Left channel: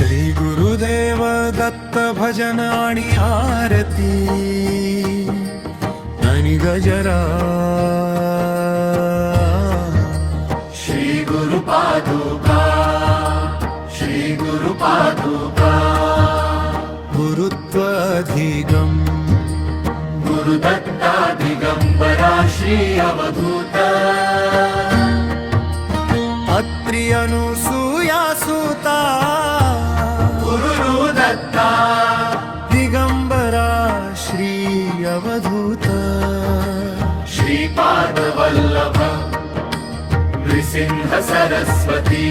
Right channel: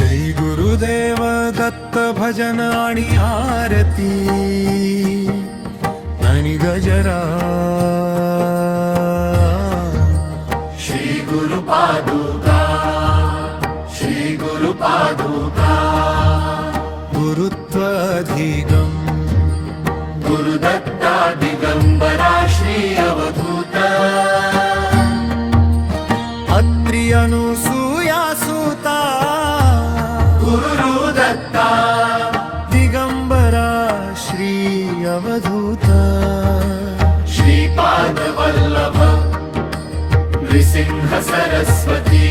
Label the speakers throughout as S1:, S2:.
S1: श्रीगुरुदेव दत्त श्रीगुरुदेवदत्तभजनानि आरती। धनि गजरा। श्रीगुरुपादुका श्रीगुरुपादुका
S2: गुरुत्वाधिगम् गुरुदत्ताधिगम्बरा श्री अवधूत।
S1: अत्रि अनुसूयासुता
S2: गुरु दत्ता
S1: दिगंबरा श्री अवधूत
S2: श्रीपाद वल्लभ नृसिंह सरस्वती।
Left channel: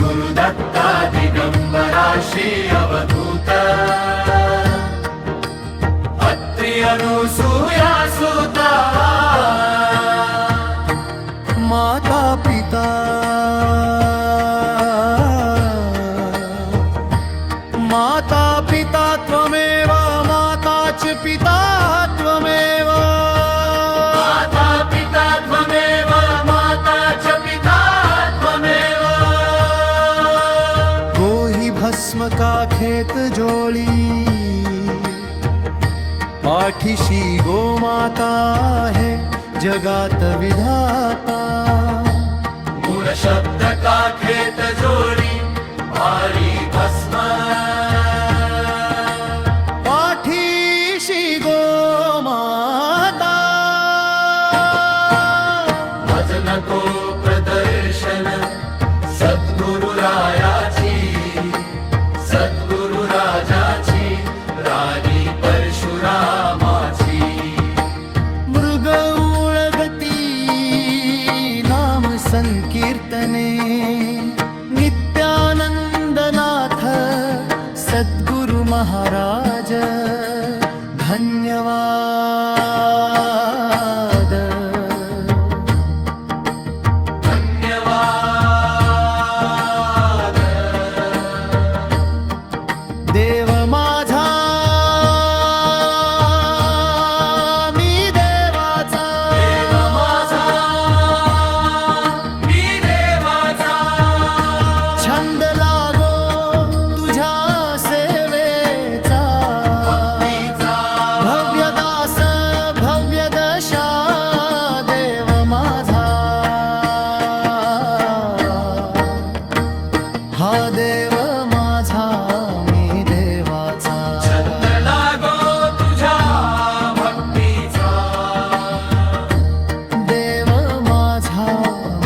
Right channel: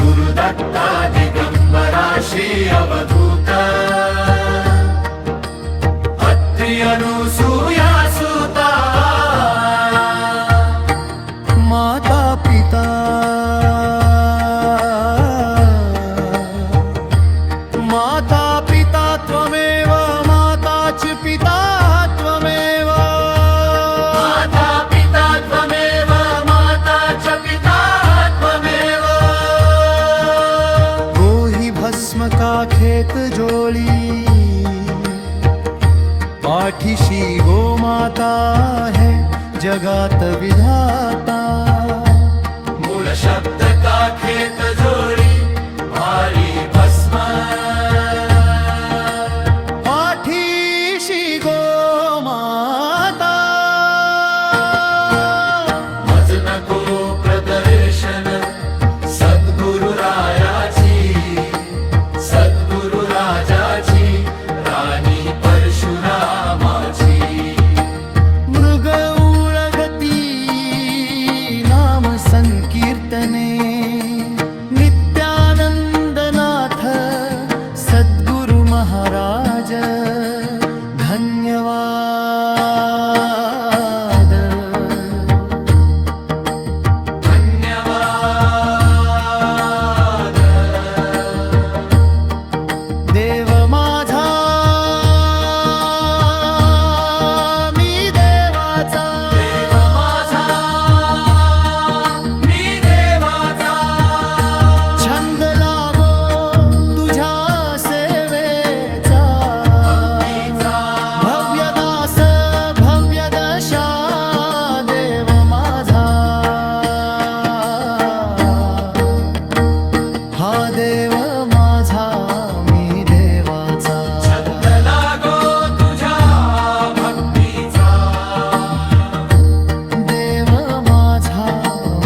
S2: गुरुदत्ता दिगंबरा श्री अवधूत अत्रि अनुसूया सुता।
S1: माता पिता पिता त्वमेव माता पिता त्वमेव
S2: माता च पिता त्वमेव
S1: गोहि भस्म का खेत जोळी पाठीशी गोमाता है जगात विधाता।
S2: मूळ शब्द का खेत जोडी भारी भस्म।
S1: पाठीशी गोमाता
S2: मज नको प्रदर्शन सद्गुरु रायाची सद्गुरु राजाची राणी परशुरामाची।
S1: मृग उळगती नाम संकीर्तने। नित्यानंदनाथ सद्गुरु महाराज। धन्यवाद।
S2: धन्यवाद।
S1: देव माझा मी देवाचा।
S2: देव माझा मी देवाचा।
S1: छंद दशा देव माझा. हा देव माझा मी देवाचा.
S2: छंद लागो तुझ्या भक्तीचा.
S1: देव माझा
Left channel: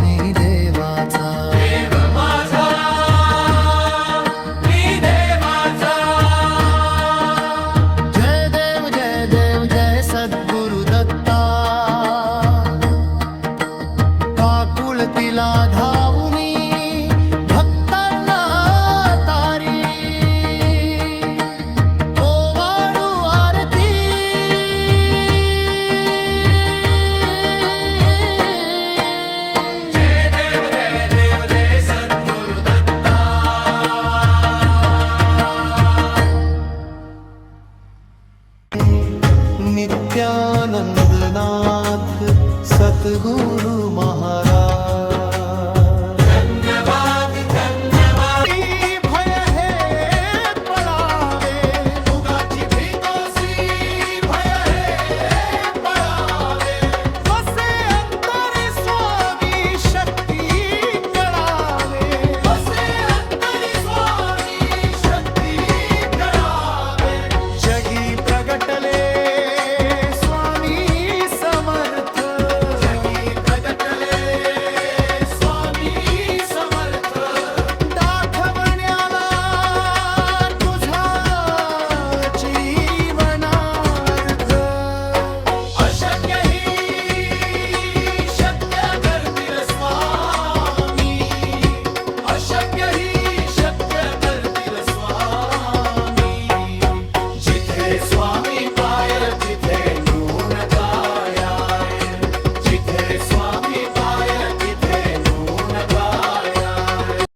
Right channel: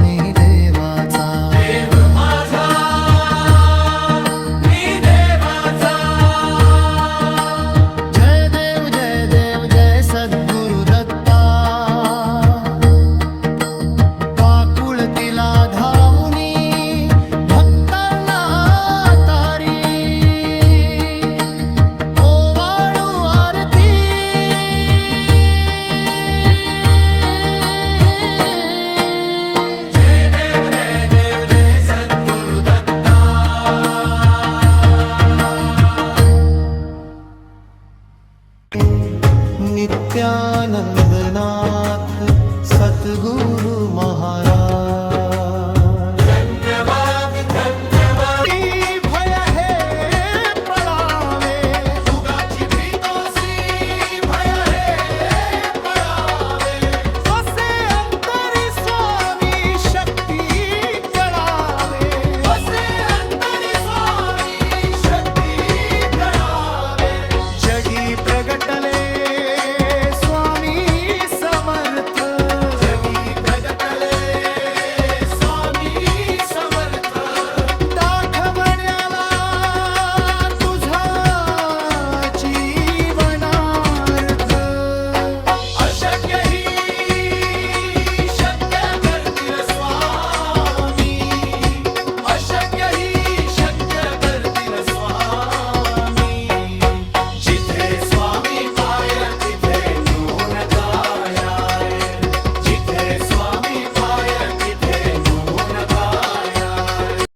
S1: मी देवाचा.
S2: देव सद्गुरुदत्ता
S1: जय सद्गुरु काकुळ तिला धावुनी भक्तांना तारी ओवाळू आरती.
S2: जय देव जय देव जय सद्गुरुदत्ता
S1: नित्यानंदनाथ सतगुरु महाराज